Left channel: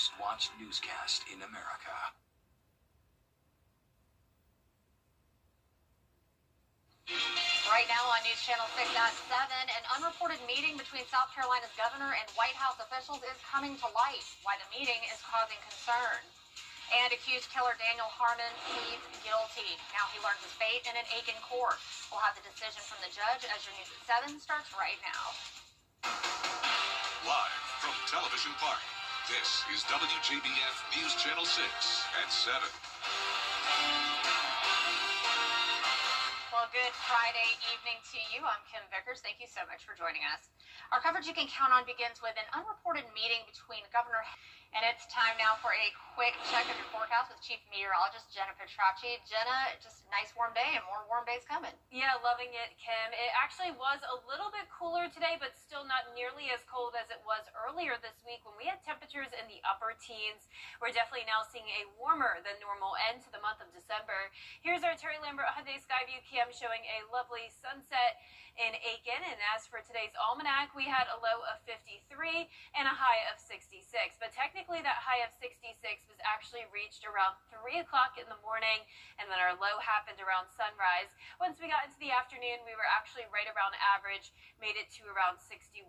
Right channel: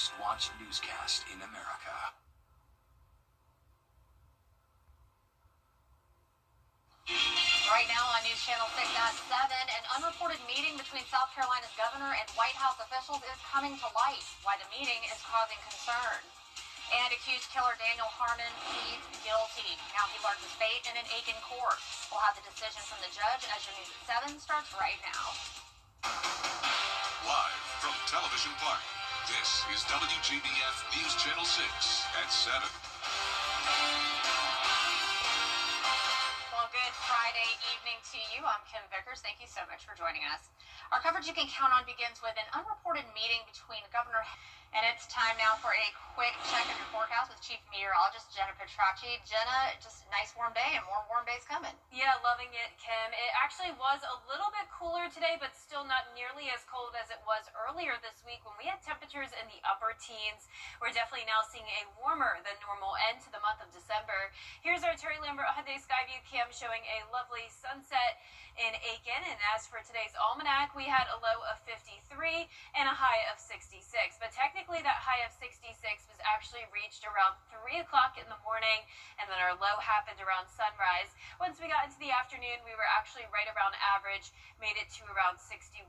most watched newscast in America. Right now on News Channel 6 at 7, an unreported meeting between South Carolina's governor and White House officials is coming to light. Why the meeting is causing concern. And accused killer Daniel Harmon pleads guilty. Now he learns his fate in an Aiken court. We'll have the decision from the judge as your News at 7 starts right now. Live from Television Park, this is WJBF News Channel 6 at 7. Well, good Friday evening to you. I'm Kim Vickers. Thank you so much for joining us. Our coverage you can count on begins with an unreported meeting between Governor and it's time now for a quick check of your forecast with Chief Meteorologist Jenna Petracci. Jenna, just a nice warm day and more warm days coming. Yeah, loving it, Kim. It actually was a little bit cooler today, but still not nearly as cold as it was earlier this week when we had temperatures in the upper teens. We're definitely now seeing a warmer than normal end to the month of December. Here's our Terry Lambert Hyundai Skyview cam showing a lovely sunset in Aiken. And as for today's almanac, we had a low of 53 and a high of 66. But technically that high of 66 was actually reached around 3 o'clock in the morning, and then our low happened around sunrise. Once we got into the afternoon, we were actually right around average, made it to around 61.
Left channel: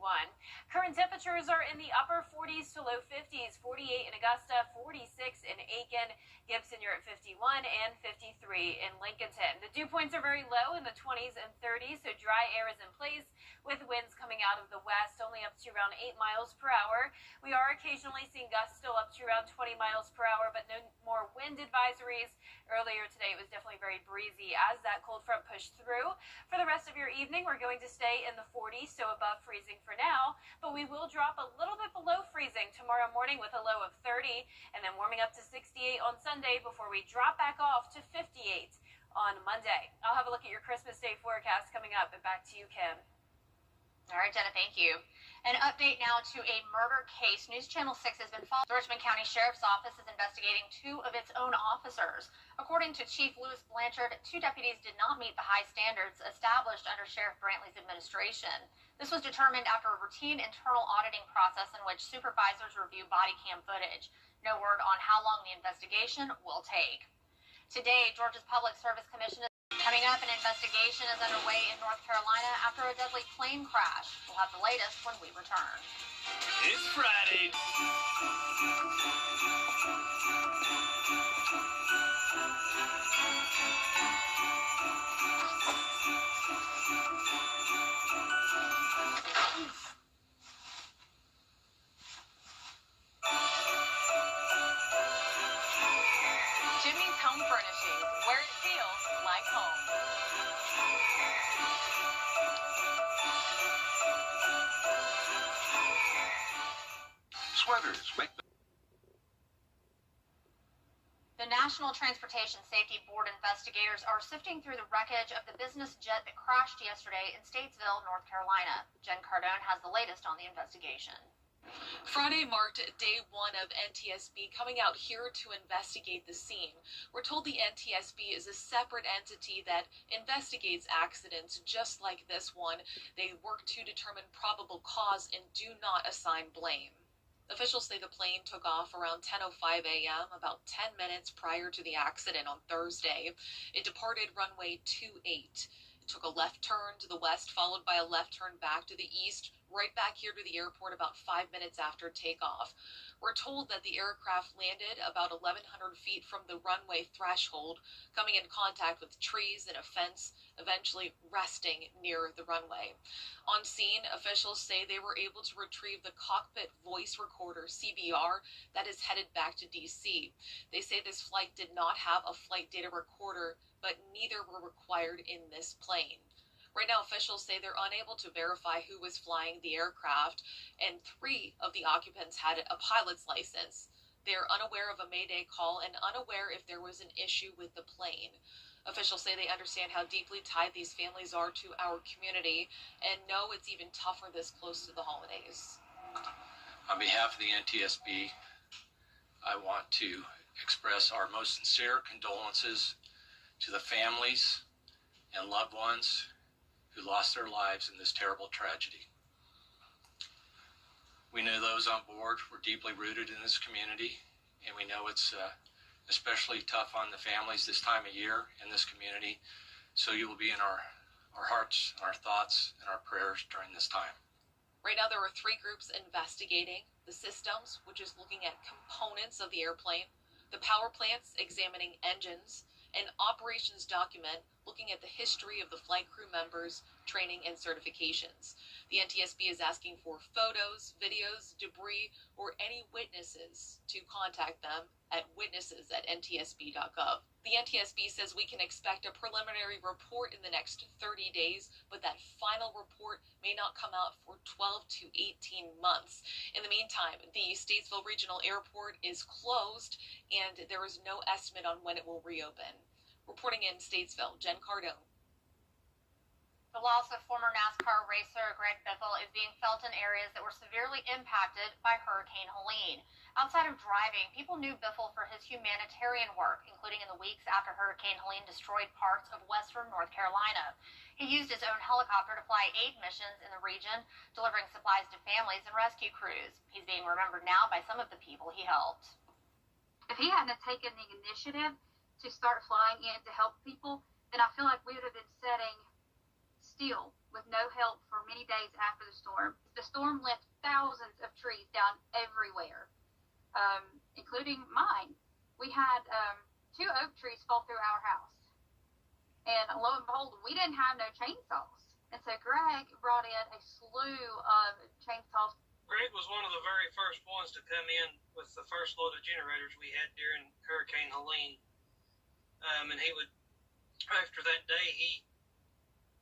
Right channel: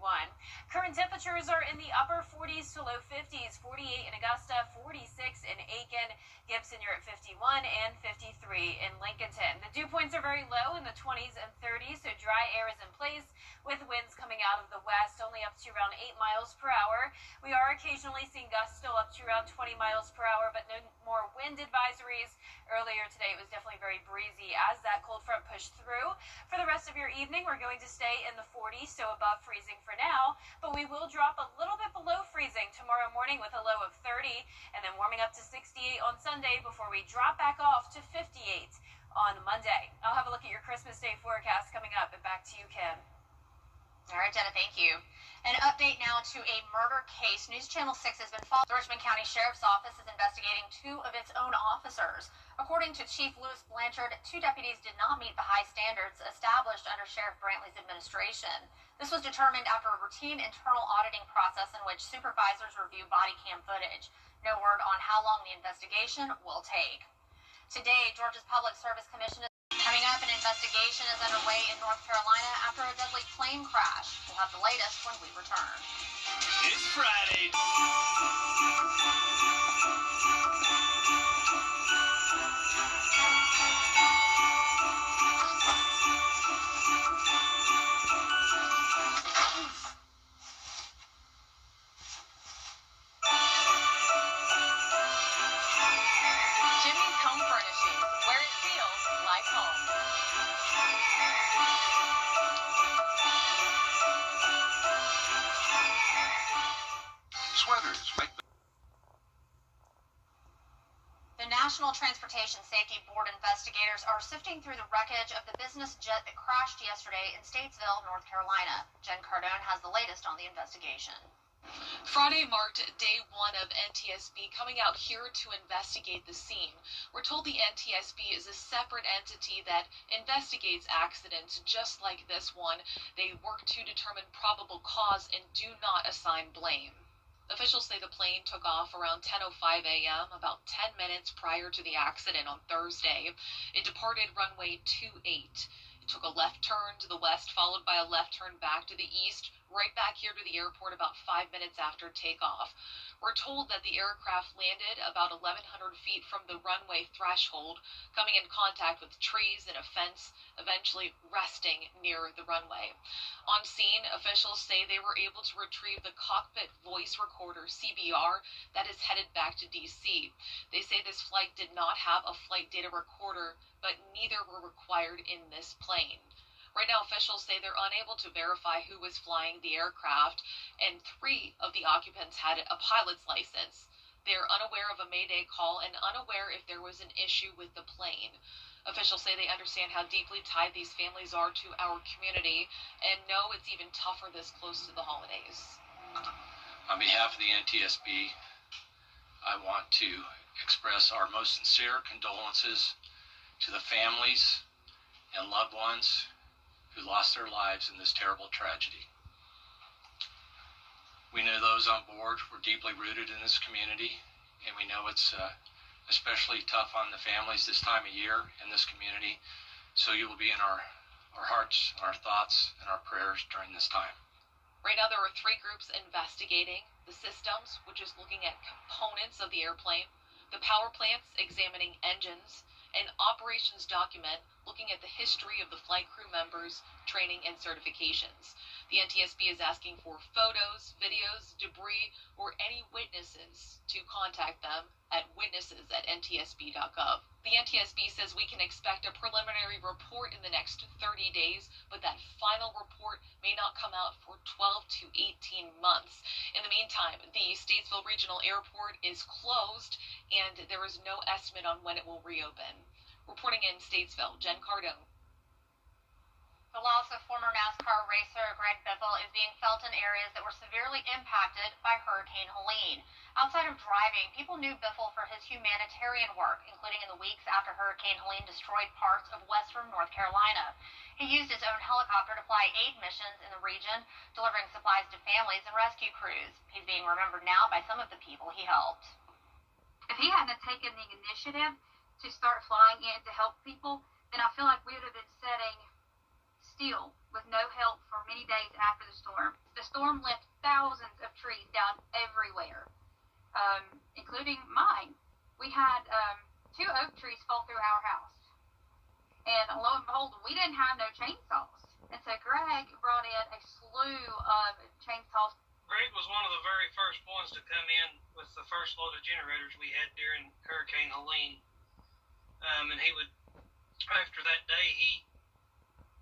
Current temperatures are in the upper 40s to low 50s, 48 in Augusta, 46 in Aiken, Gibson you're at 51, and 53 in Lincolnton. The dew points are very low in the 20s and 30s, so dry air is in place with winds coming out of the west only up to around 8 miles per hour. We are occasionally seeing gusts still up to around 20 miles per hour, but no more wind advisories. Earlier today, it was definitely very breezy as that cold front pushed through. For the rest of your evening, we're going to stay in the 40s, so above freezing for now, but we will drop a little bit below freezing tomorrow morning with a low of 30, and then warming up to 68 on Sunday before we drop back off to 58 on Monday. I'll have a look at your Christmas Day forecast coming up, and back to you, Kim. All right, Jenna, thank you. An update now to a murder case. News Channel 6 has been following. The Richmond County Sheriff's Office is investigating 2 of its own officers. According to Chief Lewis Blanchard, 2 deputies did not meet the high standards established under Sheriff Brantley's administration. This was determined after a routine internal auditing process in which supervisors review body cam footage. No word on how long the investigation will take. Today, Georgia's Public Service Commission is coming up. An investigation is underway in North Carolina after a deadly plane crash. We'll have the latest when we return. It's Friday. Jimmy's Home Furnishings, where it feels like home. Sweaters make The National Transportation Safety Board investigators are sifting through the wreckage of the business jet that crashed yesterday in Statesville, North Carolina. Jen Cardone has the latest on the investigation. Friday marked day 1 of NTSB coming out here to investigate the scene. We're told the NTSB is a separate entity that investigates accidents just like this one. They work to determine probable cause and do not assign blame. Officials say the plane took off around 10:05 a.m., about 10 minutes prior to the accident on Thursday. It departed runway 28. It took a left turn to the west, followed by a left turn back to the east, right back here to the airport about 5 minutes after takeoff. We're told that the aircraft landed about 1,100 feet from the runway threshold, coming in contact with trees and a fence, eventually resting near the runway. On scene, officials say they were able to retrieve the cockpit voice recorder, CBR, that is headed back to D.C. They say this flight did not have a flight data recorder, but neither were required in this plane. Right now, officials say they're unable to verify who was flying the aircraft, and 3 of the occupants had a pilot's license. They're unaware of a Mayday call and unaware if there was an issue with the plane. Officials say they understand how deeply tied these families are to our community and know it's even tougher this close to the holidays. On behalf of the NTSB, I want to express our most sincere condolences to the families and loved ones who lost their lives in this terrible tragedy. We know those on board were deeply rooted in this community, and we know it's especially tough on the families this time of year in this community. So you will be in our hearts, our thoughts, and our prayers during this time. Right now, there are 3 groups investigating: the systems, which is looking at components of the airplane; the power plants, examining engines; an operations document looking at the history of the flight crew members' training and certifications. The NTSB is asking for photos, videos, debris, or any witnesses to contact them at witnesses@ntsb.gov. The NTSB says we can expect a preliminary report in the next 30 days, but that final report may not come out for 12 to 18 months. In the meantime, the Statesville Regional Airport is closed, and there is no estimate on when it will reopen. Reporting in Statesville, Jen Cardone. The loss of former NASCAR racer Greg Biffle is being felt in areas that were severely impacted by Hurricane Helene. Outside of driving, people knew Biffle for his humanitarian work, including in the weeks after Hurricane Helene destroyed parts of western North Carolina. He used his own helicopter to fly aid missions in the region, delivering supplies to families and rescue crews. He's being remembered now by some of the people he helped. If he hadn't taken the initiative to start flying in to help people, then I feel like we would have been setting still with no help for many days after the storm. The storm left thousands of trees down everywhere, including mine. We had 2 oak trees fall through our house. And lo and behold, we didn't have no chainsaws. And so Greg brought in a slew of chainsaws. Greg was one of the very first ones to come in with the first load of generators we had during Hurricane Helene. And he would, after that day, he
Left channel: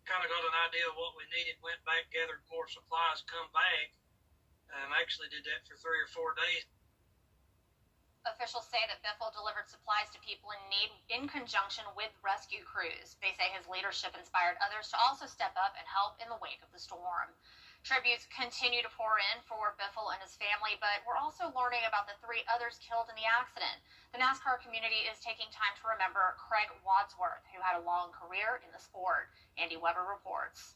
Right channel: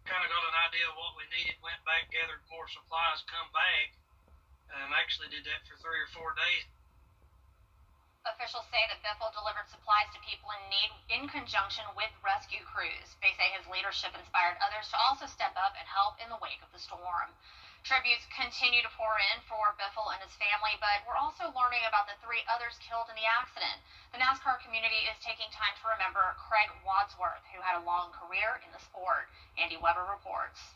kind of got an idea of what we needed, went back, gathered more supplies, come back. Actually did that for 3 or 4 days. Officials say that Biffle delivered supplies to people in need in conjunction with rescue crews. They say his leadership inspired others to also step up and help in the wake of the storm. Tributes continue to pour in for Biffle and his family, but we're also learning about the 3 others killed in the accident. The NASCAR community is taking time to remember Craig Wadsworth, who had a long career in the sport. Andy Weber reports.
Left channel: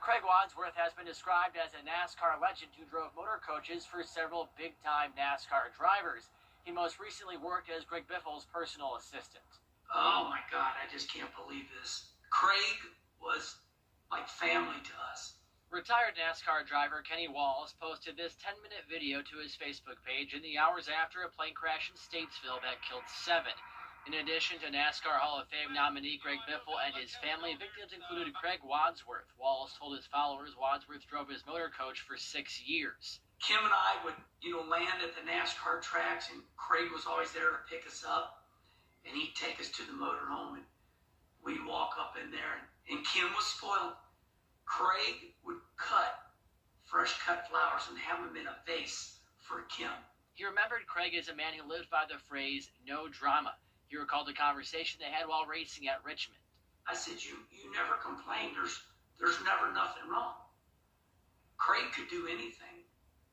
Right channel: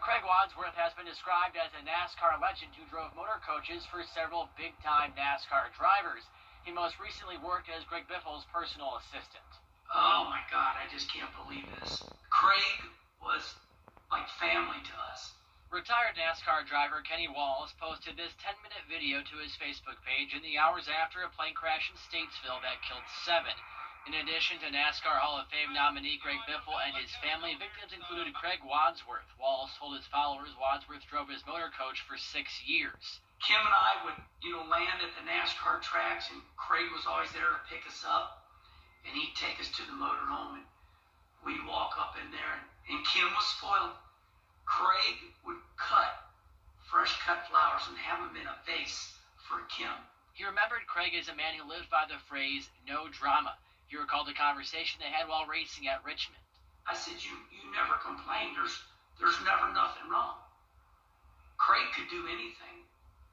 Craig Wadsworth has been described as a NASCAR legend who drove motor coaches for several big-time NASCAR drivers. He most recently worked as Greg Biffle's personal assistant. Oh my God, I just can't believe this. Craig was like family to us. Retired NASCAR driver Kenny Walls posted this 10-minute video to his Facebook page in the hours after a plane crash in Statesville that killed 7. In addition to NASCAR Hall of Fame nominee Greg Biffle and his family, victims included Craig Wadsworth. Walls told his followers Wadsworth drove his motor coach for 6 years. Kim and I would, land at the NASCAR tracks, and Craig was always there to pick us up, and he'd take us to the motorhome, and we'd walk up in there, and Kim was spoiled. Craig would cut fresh cut flowers and have them in a vase for Kim. He remembered Craig as a man who lived by the phrase, no drama. He recalled the conversation they had while racing at Richmond. I said, you never complained. There's never nothing wrong. Craig could do anything.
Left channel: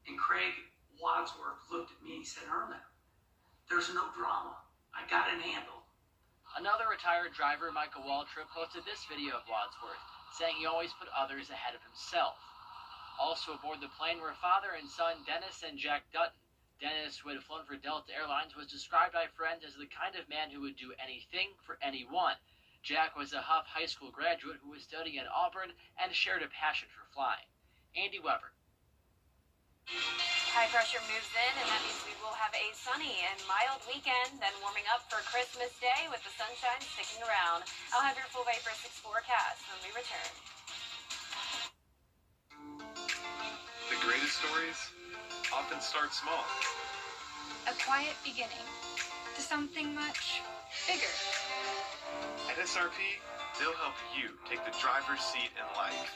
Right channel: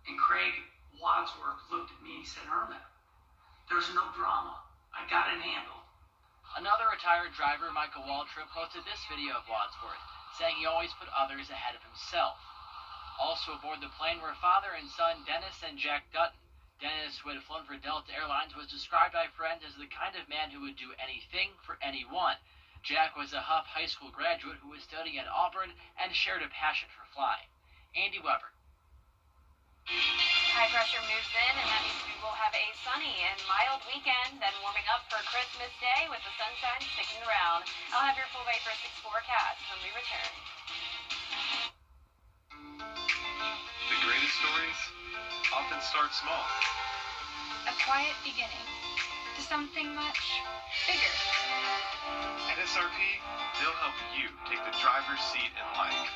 And Craig Wadsworth looked at me and he said, Irma, there's no drama. I got it handled. Another retired driver, Michael Waltrip, posted this video of Wadsworth, saying he always put others ahead of himself. Also aboard the plane were father and son Dennis and Jack Dutton. Dennis, who had flown for Delta Airlines, was described by friends as the kind of man who would do anything for anyone. Jack was a Huff High School graduate who was studying at Auburn and shared a passion for flying. Andy Weber. High pressure moves in, and that means we will have a sunny and mild weekend, then warming up for Christmas Day with the sunshine sticking around. I'll have your full Bay for 6 forecast when we return. The greatest stories often start small. A quiet beginning to something much bigger. At SRP, they'll help you take the driver's seat in life,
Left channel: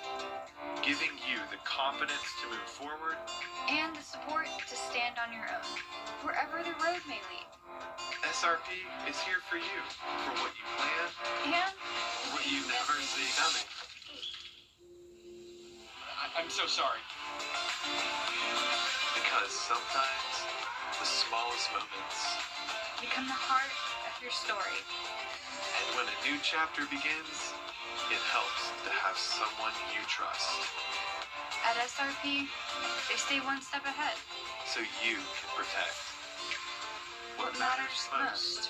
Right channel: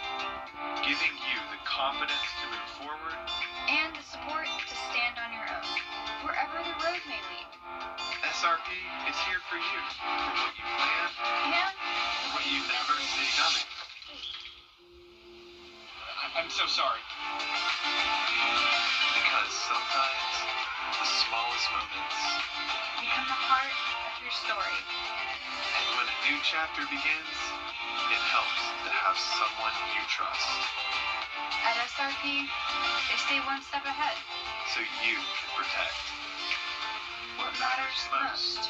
giving you the confidence to move forward And the support to stand on your own, wherever the road may lead. SRP is here for you, for what you plan And what you never see coming. I'm so sorry. Because sometimes the smallest moments become the heart of your story. And when a new chapter begins, it helps to have someone you trust. At SRP, they stay one step ahead. So you can protect What matters most.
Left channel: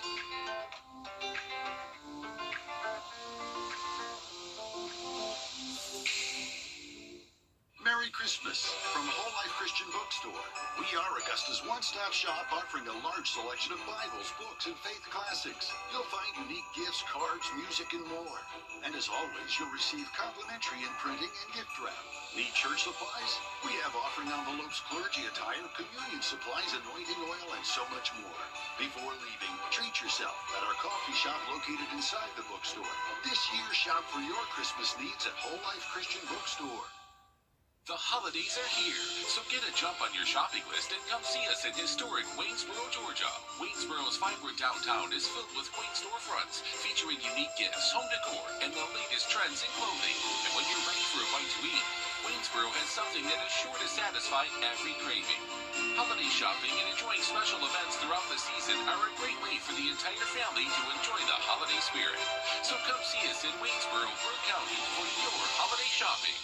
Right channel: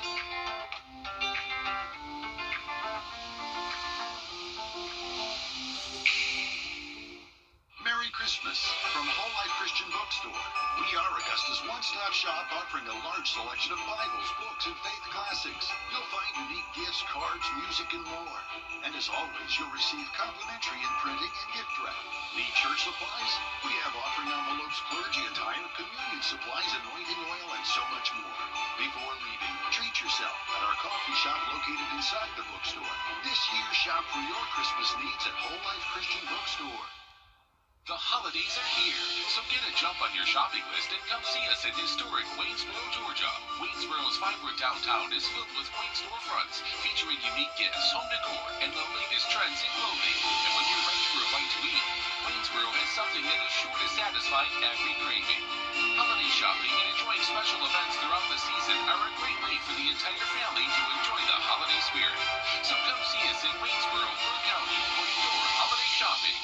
Merry Christmas from Whole Life Christian Bookstore. We are Augusta's one-stop shop offering a large selection of Bibles, books, and faith classics. You'll find unique gifts, cards, music, and more. And as always, you'll receive complimentary imprinting and gift wrap. Need church supplies? We have offering envelopes, clergy attire, communion supplies, anointing oil, and so much more. Before leaving, treat yourself at our coffee shop located inside the bookstore. This year, shop for your Christmas needs at Whole Life Christian Bookstore. The holidays are here, so get a jump on your shopping list and come see us in historic Waynesboro, Georgia. Waynesboro's vibrant downtown is filled with quaint storefronts featuring unique gifts, home decor, and the latest trends in clothing. And when you're ready for a bite to eat, Waynesboro has something that is sure to satisfy every craving. Holiday shopping and enjoying special events throughout the season are a great way for the entire family to enjoy the holiday spirit. So come see us in Waynesboro, Burke County for your holiday shopping.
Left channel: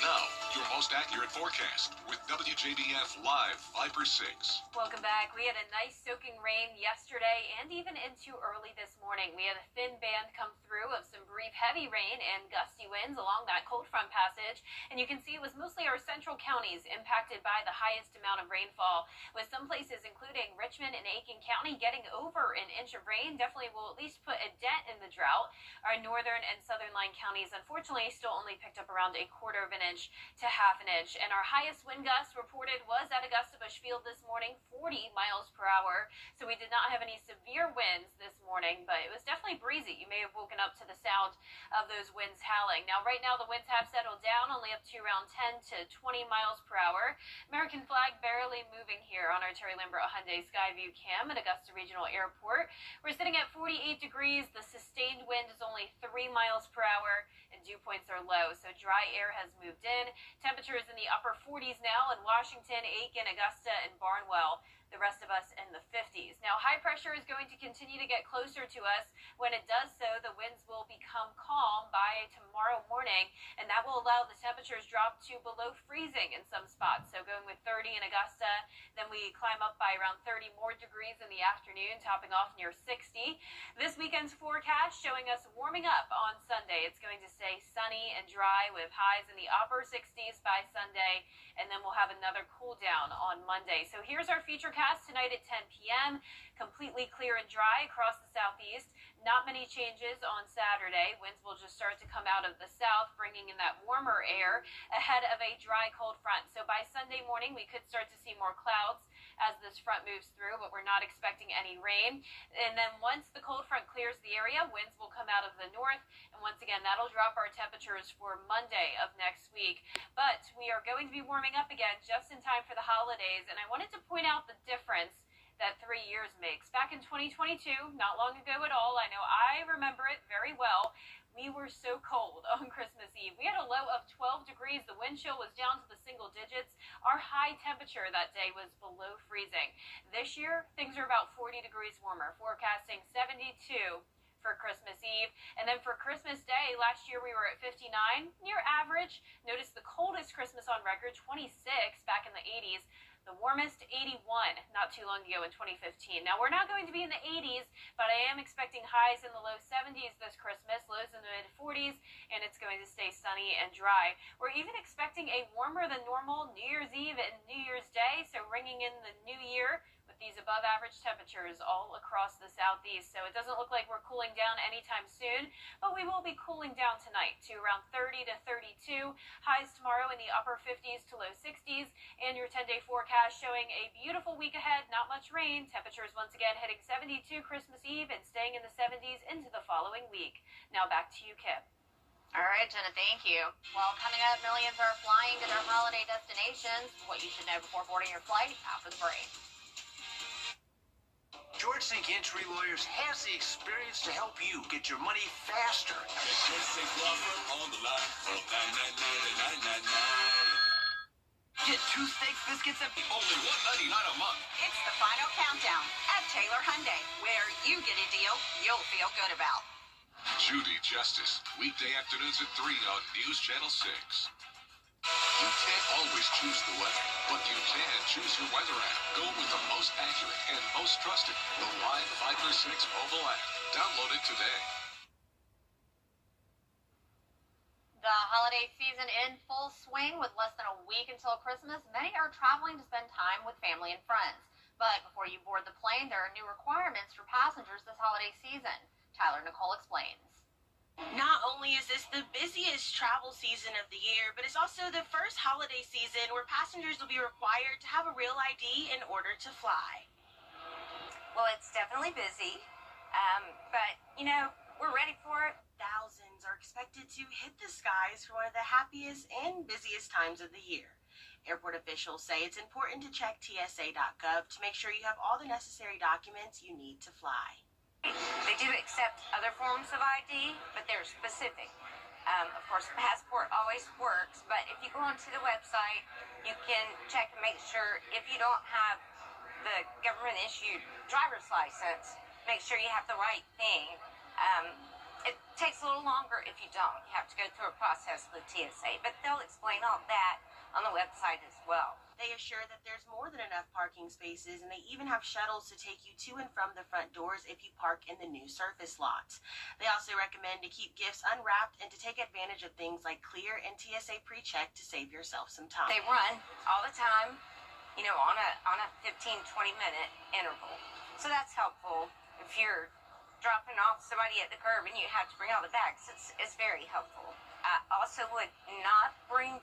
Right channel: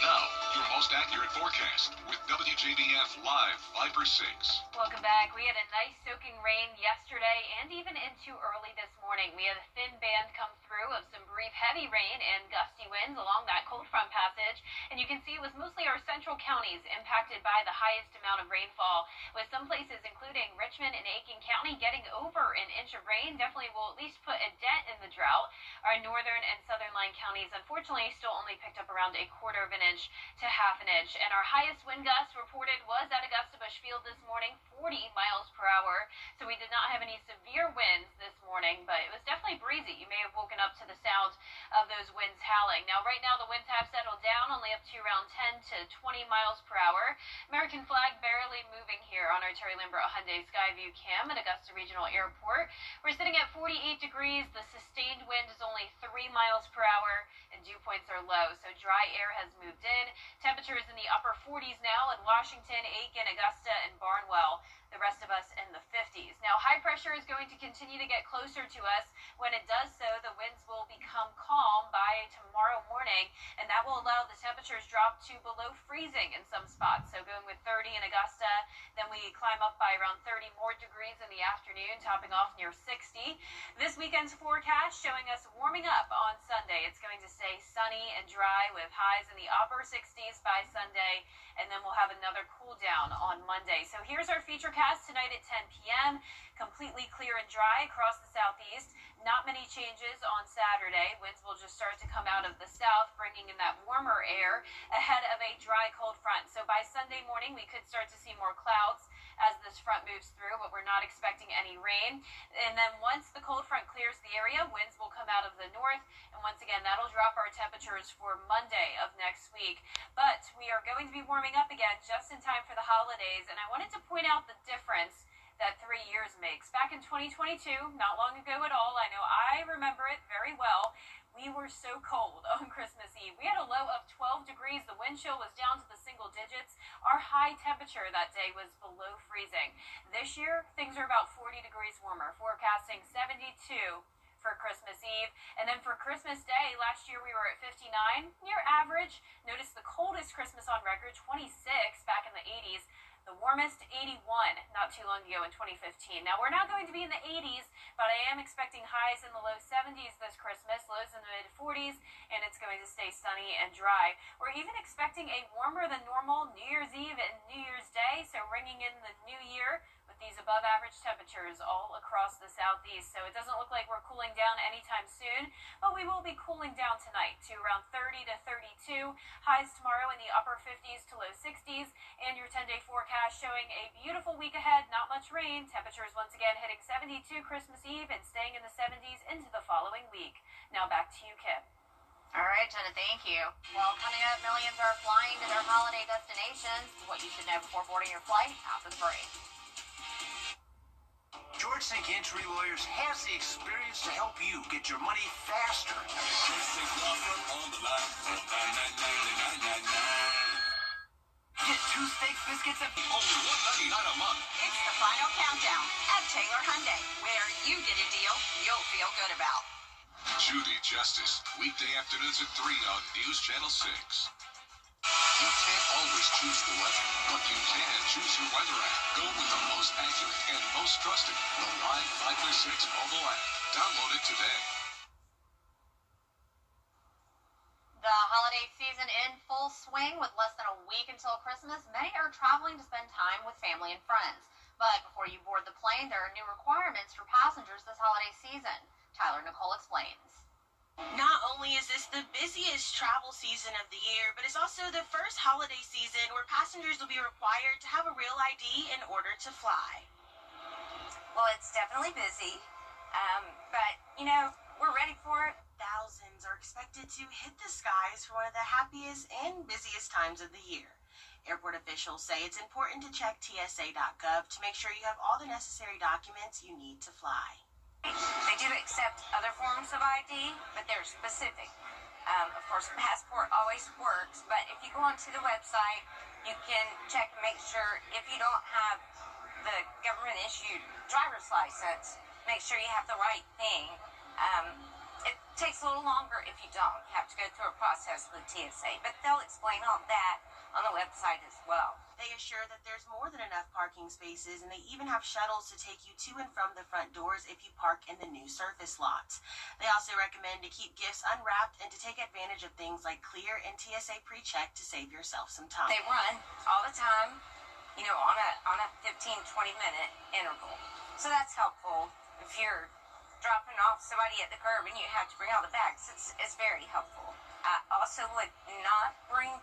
Now, your most accurate forecast with WJBF Live 5/6. Welcome back. We had a nice soaking rain yesterday and even into early this morning. We had a thin band come through of some brief heavy rain and gusty winds along that cold front passage. And you can see it was mostly our central counties impacted by the highest amount of rainfall, with some places including Richmond and Aiken County getting over an inch of rain. Definitely will at least put a dent in the drought. Our northern and southern line counties unfortunately still only picked up around a quarter of an inch to half an inch. And our highest wind gust reported was at Augusta Bush Field this morning, 40 miles per hour. So we did not have any severe winds this morning, but it was definitely breezy. You may have woken up to the sound of those winds howling. Now, right now, the winds have settled down, only up to around 10 to 20 miles per hour. American flag barely moving here on our Terry Lambert Hyundai Skyview Cam at Augusta Regional Airport. We're sitting at 48 degrees. The sustained wind is only 3 miles per hour, and dew points are low, so dry air has moved in. Temperatures in the upper 40s now in Washington, Aiken, Augusta, and Barnwell. The rest of us in the 50s. Now, high pressure is going to continue to get closer to us. When it does so, the winds will become calm by tomorrow morning, and that will allow the temperatures drop to below freezing in some spots. So going with 30 in Augusta, then we climb up by around 30 more degrees in the afternoon, topping off near 60. This weekend's forecast showing us warming up on Sunday. It's going to stay sunny and dry with highs in the upper 60s by Sunday, and then we'll have another cool down on Monday. So here's our feature cast tonight at 10 p.m. Completely clear and dry across the southeast. Not many changes on Saturday. Winds will just start to come out of the south, bringing in that warmer air ahead of a dry, cold front. So by Sunday morning, we could start to see more clouds as this front moves through, but we're not expecting any rain. And then once the cold front clears the area, winds will come out of the north. And once again, that'll drop our temperatures for Monday of next week. But we are going to be warming up again just in time for the holidays. And I wanted to point out the difference that 3 years makes. Back in 2022, not long ago at all, I know I remember it very well, we were so cold on Christmas Eve. We had a low of 12 degrees. The wind chill was down to the single digits. Our high temperature that day was below freezing. This year, things are about 40 degrees warmer, forecasting 72 for Christmas Eve. And then for Christmas Day, last year we were at 59, near average. Notice the coldest Christmas on record, 26 back in the 80s. The warmest, 81, not too long ago in 2015. Now, we're not going to be in the 80s, but I am expecting highs in the low 70s this Christmas, lows in the mid-40s, and it's going to stay sunny and dry. We're even expecting a warmer than normal New Year's Eve and New Year's Day, so ringing in the new year with these above-average temperatures all across the southeast. So it doesn't look like we're cooling down anytime soon, but we will be cooling down tonight to around 30 to 32. Highs tomorrow in the upper 50s to low 60s, and your 10-day forecast showing a beautiful week ahead, not much rain. Temperatures once again hitting 72 Christmas Eve and staying in the 70s into the following week. Now back to you, Kip. All right, Jenna, thank you. Well, coming up, millions are flying to their holiday destinations. What you should know before boarding your flight after the break. George Sink Entry Lawyers has the experience to help you get your money faster. George Sink Law Firm on the line. 999. Get 2 steaks, biscuits, and Only $1.99 a month. It's the final countdown at Taylor Hyundai, where you get a deal you'll feel good about. Judy Justice, weekday afternoons at 3 on News Channel 6. You can't always choose the weather, but you can choose your weather app. Go with the most accurate and most trusted, the Live 536 mobile app. Download it today. The holiday season in full swing with less than a week until Christmas. Many are traveling to spend time with family and friends. But before you board the plane, there are new requirements for passengers this holiday season. Tyler Nicole explains. Not only is this the busiest travel season of the year, but it's also the first holiday season where passengers will be required to have a real ID in order to fly. Well, it's definitely busy, but, we're ready for it. Thousands are expected to hit the skies for one of the happiest and busiest times of the year. Airport officials say it's important to check TSA.gov to make sure you have all the necessary documents you need to fly. They do accept other forms of ID, but they're specific. Of course, passport always works, but if you go onto the website, you can check and make sure if you don't have the government-issued driver's license, make sure you have the right thing. It takes a little longer if you don't. You have to go through a process with TSA, but they'll explain all that on the website as well. They assure that there's more than enough parking spaces, and they even have shuttles to take you to and from the front doors if you park in the new surface lots. They also recommend to keep gifts unwrapped and to take advantage of things like Clear and TSA PreCheck to save yourself some time. They run all the time, on a 15-20 minute interval. So that's helpful if you're dropping off somebody at the curb and you have to bring all the bags. It's very helpful. I also would not bring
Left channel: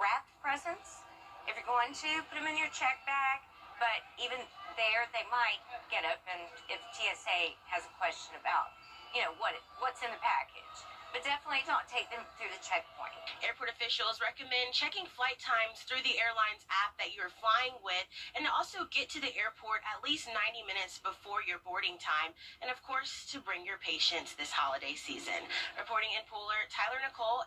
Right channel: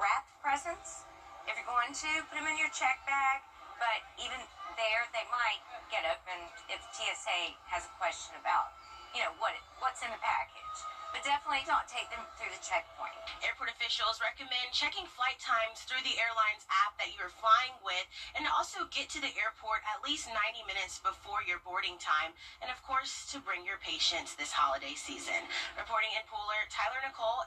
wrapped presents. If you're going to, put them in your check bag, but even there, they might get up and if TSA has a question about, what's in the package. But definitely don't take them through the checkpoint. Airport officials recommend checking flight times through the airline's app that you're flying with, and also get to the airport at least 90 minutes before your boarding time, and of course, to bring your patients this holiday season. Reporting in Pooler, Tyler Nicole.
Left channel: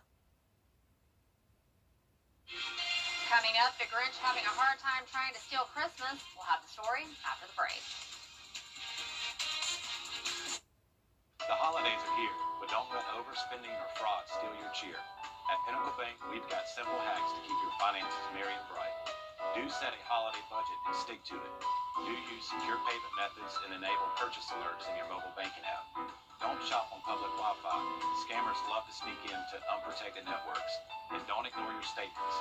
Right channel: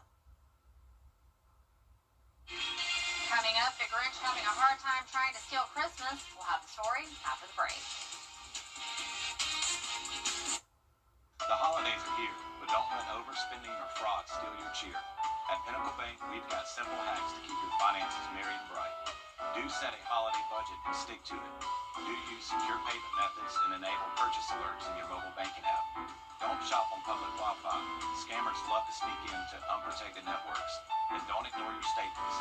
Coming up, the Grinch having a hard time trying to steal Christmas. We'll have the story after the break. The holidays are here, but don't let overspending or fraud steal your cheer. At Pinnacle Bank, we've got simple hacks to keep your finances merry and bright. Do set a holiday budget and stick to it. Do use secure payment methods and enable purchase alerts in your mobile banking app. Don't shop on public Wi-Fi. Scammers love to sneak into unprotected networks. And don't ignore your staples.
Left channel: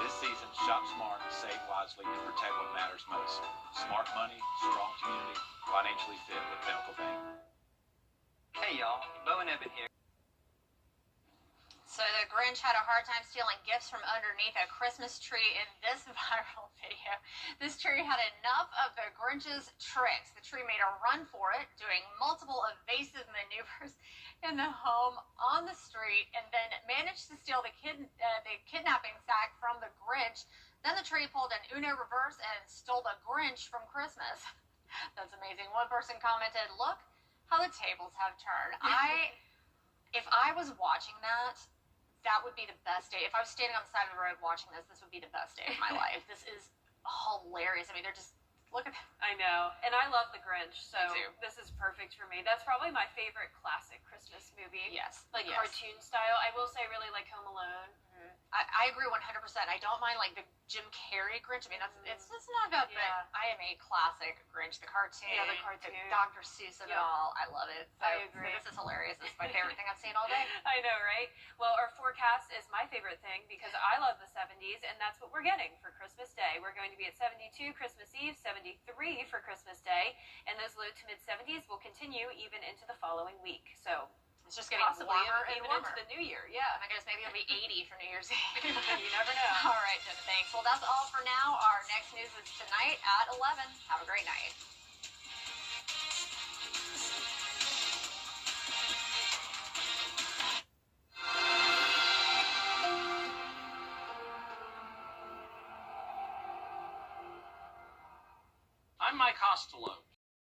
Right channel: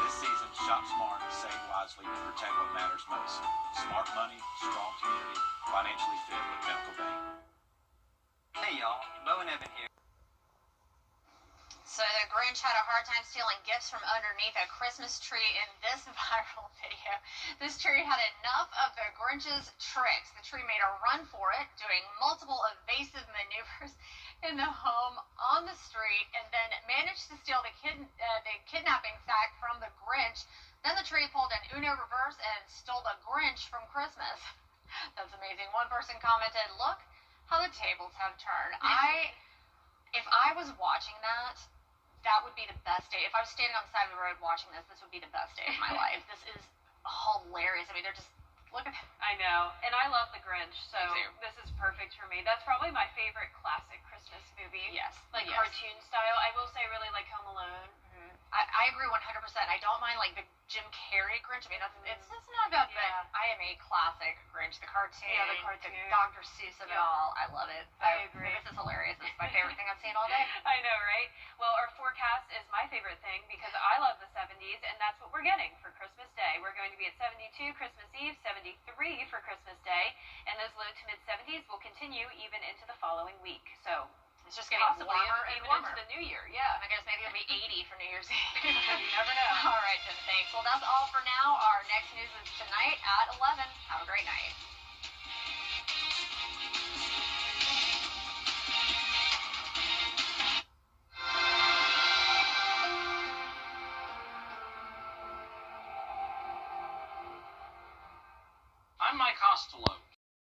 This season, shop smart, save wisely to protect what matters most. Smart money, strong community, financially fit with Pinnacle Bank. Hey y'all, Bo and Evan here. So the Grinch had a hard time stealing gifts from underneath a Christmas tree in this viral video. This tree had enough of the Grinch's tricks. The tree made a run for it, doing multiple evasive maneuvers in the home on the street, and then managed to steal the kidnapping sack from the Grinch. Then the tree pulled an Uno reverse and stole the Grinch from Christmas. That's amazing. One person commented, "Look how the tables have turned." If I was watching that, that would be the best day. If I was standing on the side of the road watching this, this would be the best day of my life. This is hilarious. I mean, they're just, look at that. I know, and I love The Grinch, so this is perfect for me. That's probably my favorite classic Christmas movie. Yes. Like cartoon style. I will say I really like Home Alone. I agree 100%. I don't mind like the Jim Carrey Grinch. I mean, it's not bad, but I am a classic Grinch. The cartoon, the cartoon, Dr. Seuss of it all. I love it. So, I agree. This is hilarious. This is my favorite thing I've seen all day. I know, right? Well, our forecast is my favorite thing because I love the 70s, and that's what we're getting for Christmas Day. We're going to be at 72 Christmas Eve, 73 for Christmas Day, and those low to mid 70s will continue even into the following week. So it's just getting warmer and warmer. Into the new year, yeah. I guess maybe it'll be 80 for New Year's Eve. You never know. All right, Jen, thanks. Well, that's all for now. Our next news is tonight at 11. Have a great night. I'm Mike Costello.